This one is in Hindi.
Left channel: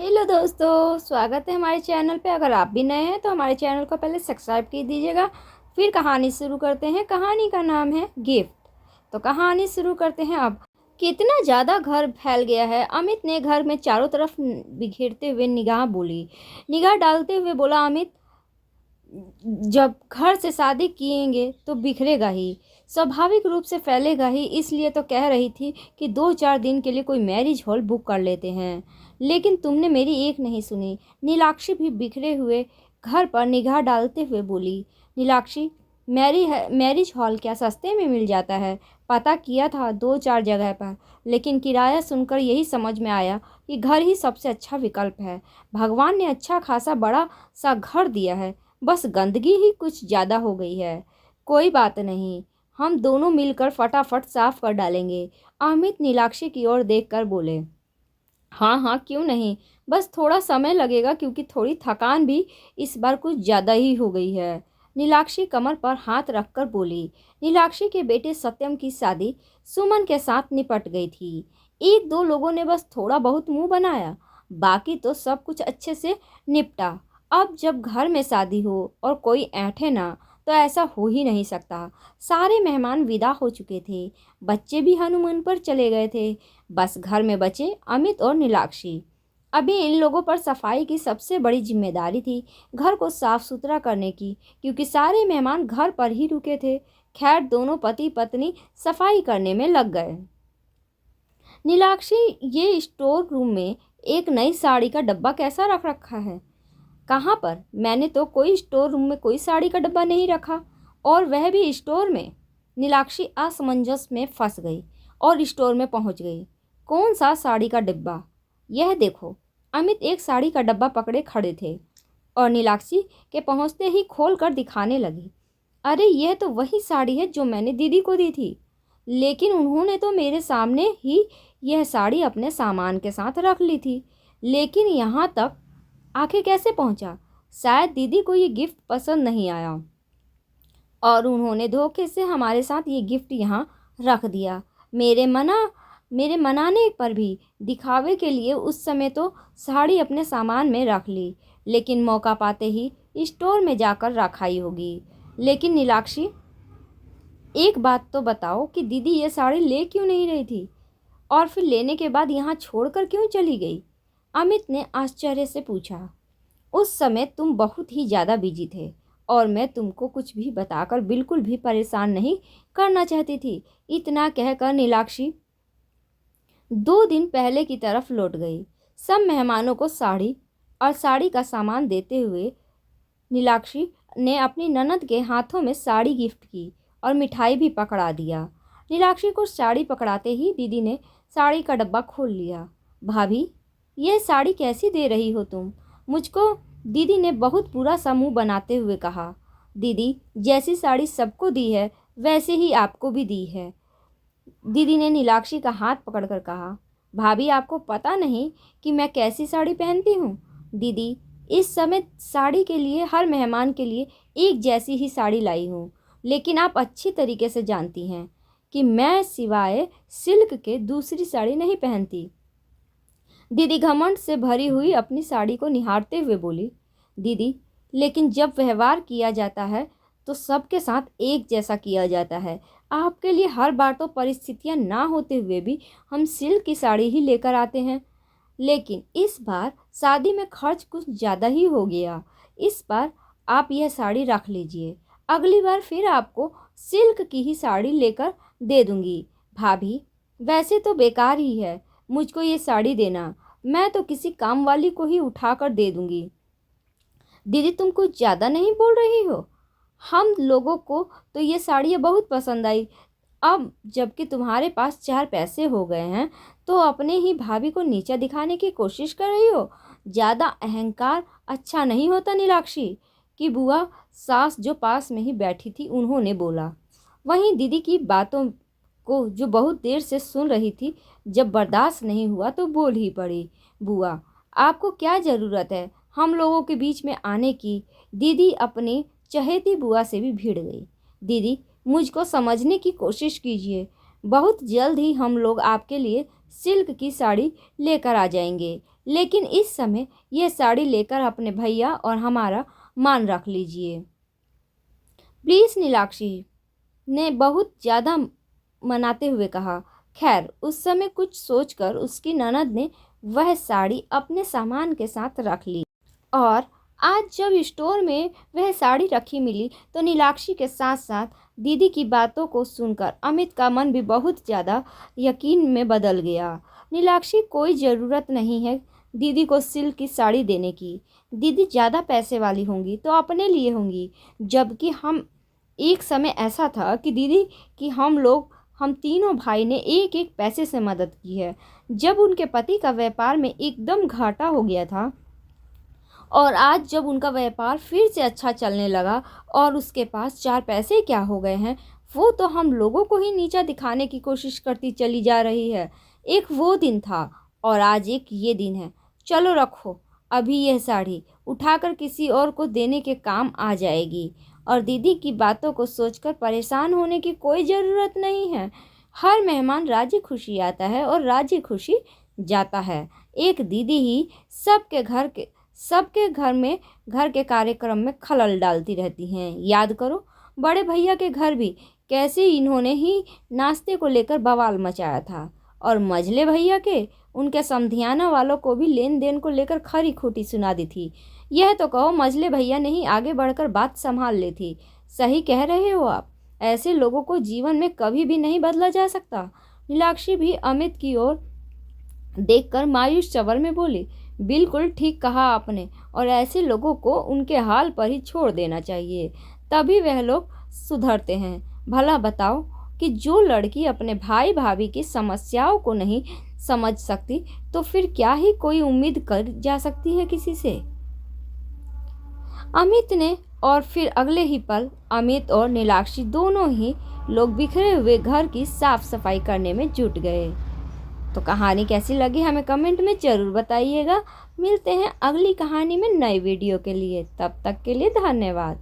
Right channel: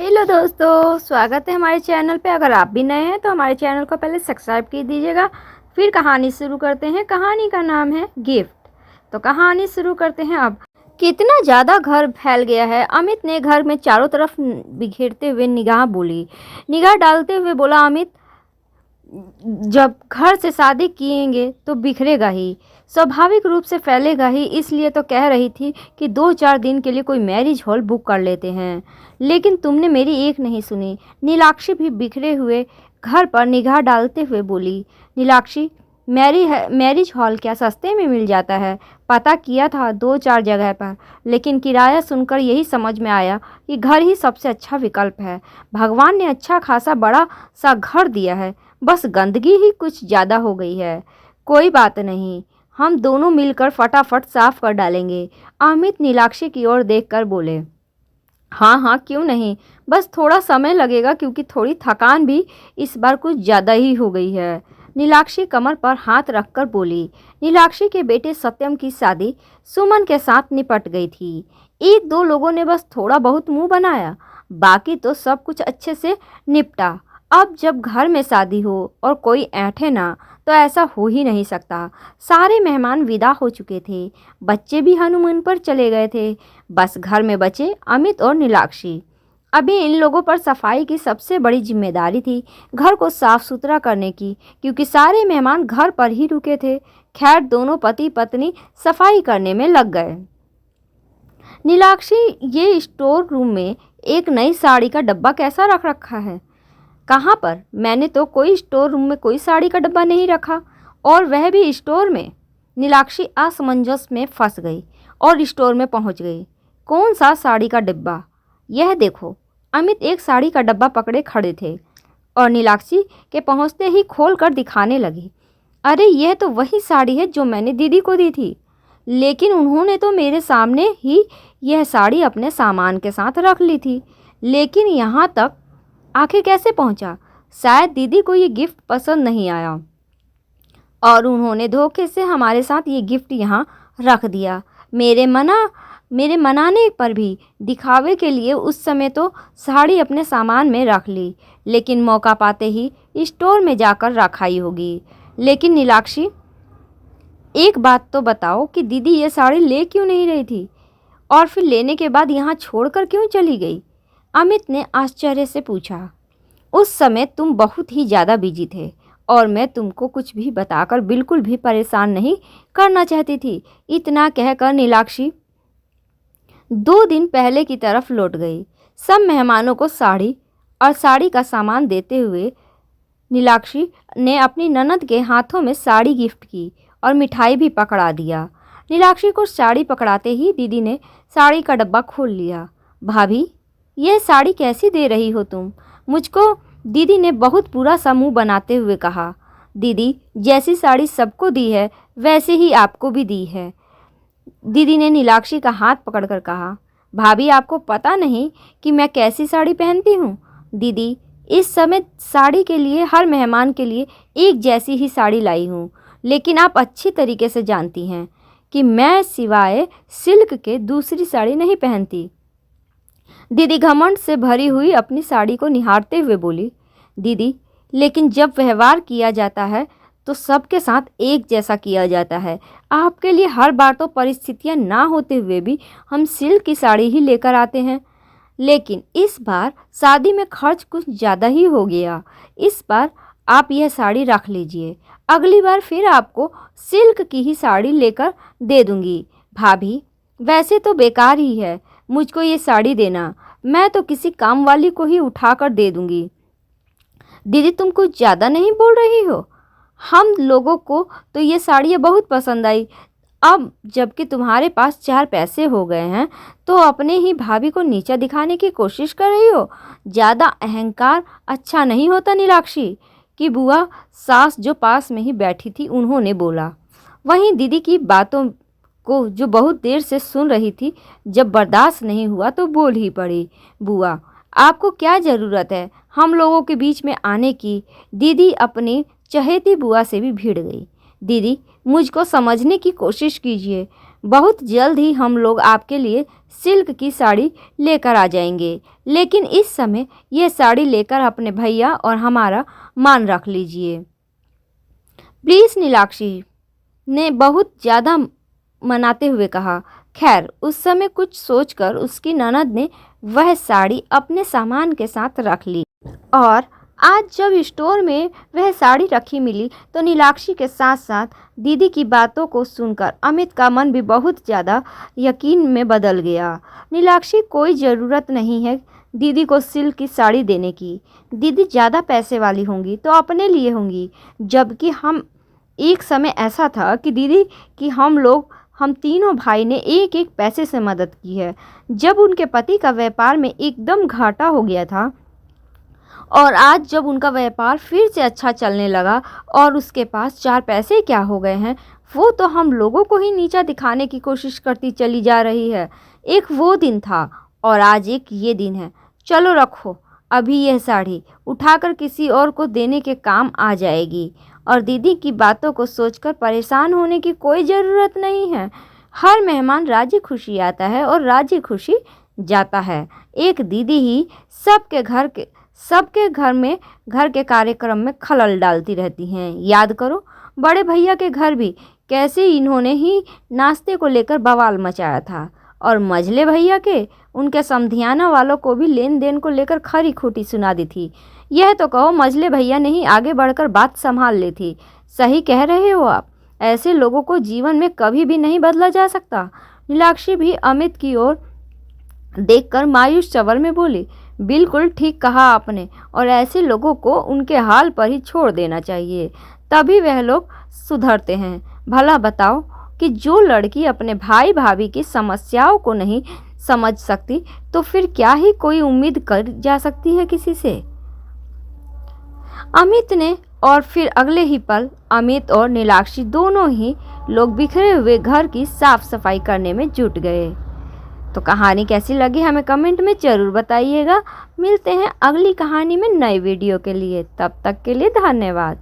हेलो दोस्तों, स्वागत है हमारे चैनल पे। अगर आप भी नए हैं तो हमारे चैनल को पहले सब्सक्राइब कर दीजिएगा। फिर कहानी शुरू करते हैं। कहानी का नाम है गिफ्ट। तो कहानी शुरू करते हैं। अब कितना ज़्यादा घर फैल गया है। अमित ने घर में चारों तरफ बिखेरते हुए निगाह डालते हुए बोला, अमित, जब घर से शादी किएंगे तो बिखरेगा ही, स्वाभाविक रूप से फैलेगा ही। इसलिए तो कह रही थी कि 2-4 दिन के लिए कोई मैरिज हॉल बुक कर लेते हैं, लेकिन तुमने मेरी एक नहीं सुनी। नीलाक्षी भी बिखरे हुए घर पर निगाह डालते हुए बोली, नीलाक्षी, मैरिज हॉल क्या सस्ते में मिल जाता है? पता किया था 2-4 जगह पर, लेकिन किराया सुनकर यही समझ में आया कि घर ही सबसे अच्छा विकल्प है। भगवान ने अच्छा खासा बड़ा सा घर दिया है, बस गंदगी ही कुछ ज़्यादा हो गई है। कोई बात नहीं, हम दोनों मिलकर फटाफट साफ कर डालेंगे। अमित नीलाक्षी की ओर देखकर बोले, हाँ हाँ, क्यों नहीं, बस थोड़ा समय लगेगा क्योंकि थोड़ी थकान भी इस बार कुछ ज़्यादा ही हो गई है। नीलाक्षी कमर पर हाथ रखकर बोली। नीलाक्षी के बेटे सत्यम की शादी सुमन के साथ निपट गई थी। 1-2 लोगों ने बस थोड़ा बहुत मुंह बनाया, बाकी तो सब कुछ अच्छे से निपटा। अब जब घर में शादी हो और कोई ऐंठे ना, तो ऐसा हो ही नहीं सकता। सारे मेहमान विदा हो चुके थे, बच्चे भी हनीमून पर चले गए थे। बस घर में बचे अमित और नीलाक्षी। अभी इन लोगों पर सफाई की सबसे बड़ी जिम्मेदारी थी, घर को साफ सुथरा करने की, क्योंकि सारे मेहमान घर पर ही रुके थे। खैर, दोनों पति पत्नी सफाई करने में लग गए। नीलाक्षी, ये स्टोर रूम में एक नई साड़ी का डब्बा कैसा रख रखा है? कहाँ पर? मैंने तो कोई स्टोर रूम में कोई साड़ी का डब्बा नहीं रखा, और वह भी स्टोर में। नीलाक्षी असमंजस में फंस गई और स्टोर में पहुंच गई। कौन सा साड़ी का डिब्बा? यह देखो। अमित एक साड़ी का डब्बा पकड़े खड़े थे और नीलाक्षी के पहुंचते ही खोल कर दिखाने लगे। अरे, यह तो वही साड़ी है जो मैंने दीदी को दी थी, लेकिन उन्होंने तो मेरे सामने ही यह साड़ी अपने सामान के साथ रख ली थी। लेकिन यहाँ तक आखिर कैसे पहुँचा? शायद दीदी को ये गिफ्ट पसंद नहीं आया और उन्होंने धोखे से हमारे साथ ये गिफ्ट यहाँ रख दिया। मेरे मनाने पर भी दिखावे के लिए उस समय तो साड़ी अपने सामान में रख ली, लेकिन मौका पाते ही स्टोर में जाकर रखाई होगी। लेकिन नीलाक्षी, एक बात तो बताओ कि दीदी ये साड़ी ले क्यों नहीं रही थी, और फिर लेने के बाद यहाँ छोड़कर क्यों चली गई? अमित ने आश्चर्य से पूछा। उस समय तुम बहुत ही ज़्यादा बिजी थे और मैं तुमको कुछ भी बताकर बिल्कुल भी परेशान नहीं करना चाहती थी। इतना कहकर नीलाक्षी 2 दिन पहले की तरफ लौट गई। सब मेहमानों को साड़ी और साड़ी का सामान देते हुए नीलाक्षी ने अपनी ननद के हाथों में साड़ी गिफ्ट की और मिठाई भी पकड़ा दिया। नीलाक्षी को साड़ी पकड़ाते ही दीदी ने साड़ी का डब्बा खोल लिया। भाभी, यह साड़ी कैसी दे रही हो तुम मुझको? दीदी ने बहुत बुरा सा मुंह बनाते हुए कहा। दीदी, जैसी साड़ी सबको दी है वैसे ही आपको भी दी है, दीदी ने नीलाक्षी का हाथ पकड़कर कहा। भाभी, आपको पता नहीं कि मैं कैसी साड़ी पहनती हूँ? दीदी, इस समय साड़ी के लिए, हर मेहमान के लिए एक जैसी ही साड़ी लाई हूँ, लेकिन आप अच्छी तरीके से जानती हैं कि मैं सिवाय सिल्क के दूसरी साड़ी नहीं पहनती। दीदी घमंड से भरी हुई अपनी साड़ी को निहारते हुए बोली। दीदी, लेकिन जब व्यवहार किया जाता है तो सबके साथ एक जैसा किया जाता है। आपके लिए हर बार तो परिस्थितियां ना होते हुए भी हम सिल्क की साड़ी ही लेकर आते हैं, लेकिन इस बार शादी में खर्च कुछ ज़्यादा ही हो गया। इस बार आप यह साड़ी रख लीजिए, अगली बार फिर आपको सिल्क की ही साड़ी लेकर दे दूंगी। भाभी, वैसे तो बेकार ही है मुझको ये साड़ी देना, मैं तो किसी काम वाली को ही उठाकर दे दूंगी। दीदी, तुम कुछ ज़्यादा नहीं बोल रही हो? हम लोगों को तो ये साड़ियाँ बहुत पसंद आई। अब जबकि तुम्हारे पास 4 पैसे हो गए हैं तो अपने ही भाभी को नीचा दिखाने की कोशिश कर रही हो। ज़्यादा अहंकार अच्छा नहीं होता नीलाक्षी, कि बुआ सास जो पास में ही बैठी थी उन्होंने बोला। वहीं दीदी की बातों को जो बहुत देर से सुन रही थी, जब बर्दाश्त नहीं हुआ तो बोल ही पड़ी। बुआ, आपको क्या ज़रूरत है हम लोगों के बीच में आने की? दीदी अपनी चहेती बुआ से भी भिड़ गई। दीदी, मुझको समझने की कोशिश कीजिए। बहुत जल्द ही हम लोग आपके लिए सिल्क की साड़ी लेकर आ जाएंगे, लेकिन इस समय यह साड़ी लेकर अपने भैया और हमारा मान रख लीजिए प्लीज़। नीलाक्षी ने बहुत ज़्यादा मनाते हुए कहा। खैर, उस समय कुछ सोचकर उसकी ननद ने वह साड़ी अपने सामान के साथ रख ली और आज जब स्टोर में वह साड़ी रखी मिली तो नीलाक्षी के साथ साथ दीदी की बातों को सुनकर अमित का मन भी बहुत ज़्यादा यकीन में बदल गया। नीलाक्षी, कोई ज़रूरत नहीं है दीदी को सिल्क की साड़ी देने की। दीदी ज़्यादा पैसे वाली होंगी तो अपने लिए होंगी, जबकि हम एक समय ऐसा था कि दीदी कि हम तीनों भाई ने एक एक पैसे से मदद की है। जब उनके पति का व्यापार में एकदम घाटा हो गया था और आज जब उनका व्यापार फिर से अच्छा चलने लगा और उसके पास 4 पैसे क्या हो गए हैं, वो तो हम लोगों को ही नीचा दिखाने की कोशिश करती चली जा रही है। एक वो दिन था और आज एक ये दिन है। चलो रखो, अभी यह साड़ी उठाकर किसी और को देने के काम आ जाएगी और दीदी की बातों को सोचकर परेशान होने की कोई ज़रूरत नहीं है। हर मेहमान राजी खुशी आता है और राजी खुशी जाता है। एक दीदी ही सबके घर के कार्यक्रम में खलल डालती रहती हैं। याद करो बड़े भैया के घर भी कैसे इन्होंने ही नाश्ते को लेकर बवाल मचाया था और मझले भैया के उनके समधियाना वालों को भी लेन देन को लेकर खरी खोटी सुना दी थी। यह तो कहो मझले भैया ने ही आगे बढ़कर बात संभाल ली थी। सही कह रहे हो आप, ऐसे लोगों को जीवन में कभी भी नहीं बदला जा सकता। नीलाक्षी भी अमित की ओर देखकर मायूस स्वर में बोली, बिल्कुल ठीक कहा आपने, और ऐसे लोगों को उनके हाल पर ही छोड़ देना चाहिए, तभी वह लोग सुधरते हैं। भला बताओ कि जो लड़की अपने भाई भाभी की समस्याओं को नहीं समझ सकती तो फिर क्या ही कोई उम्मीद कर जा सकती है किसी से। अमित ने और फिर अगले ही पल अमित और नीलाक्षी दोनों ही लोग बिखरे हुए घर की साफ सफाई करने में जुट गए। तो कहानी कैसी लगी हमें कमेंट में ज़रूर बताइएगा। मिलते हैं अगली कहानी में नई वीडियो के लिए, तब तक के लिए धन्यवाद।